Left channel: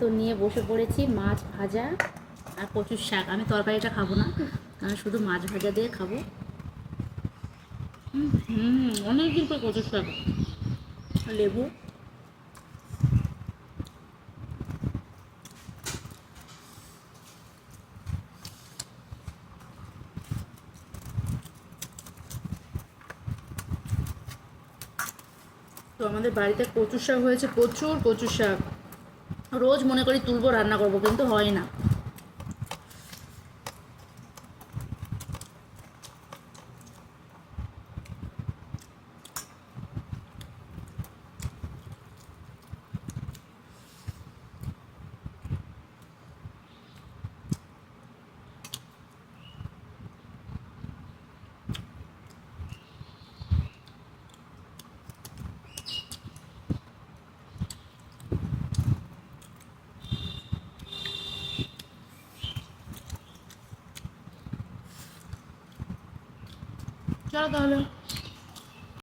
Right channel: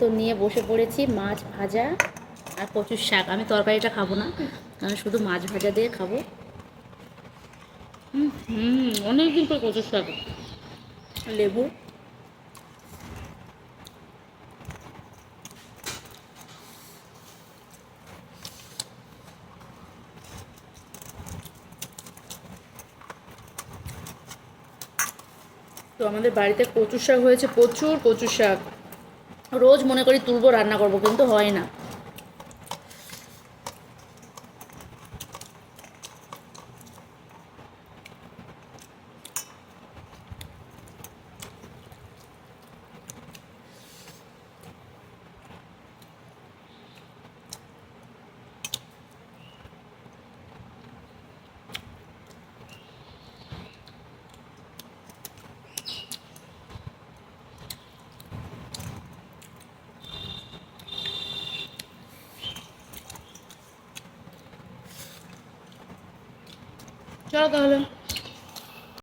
তো নিয়ে বসে পড়েছি মাছ ভাজা আর কচুর শাক। আমি তরকারিটা খাবো না, আমি শুধু মাছ ভাজা দিয়ে খাবো। অনেক দিন পর কচুর শাক, লেবু। তো আমাদের বাড়িতে কচুর শাক হয়েছে, প্রচুর কচুর শাক। রোজ মনে করি তুলবো, রান্না করবো, কিন্তু হয় না। চলো তাহলে।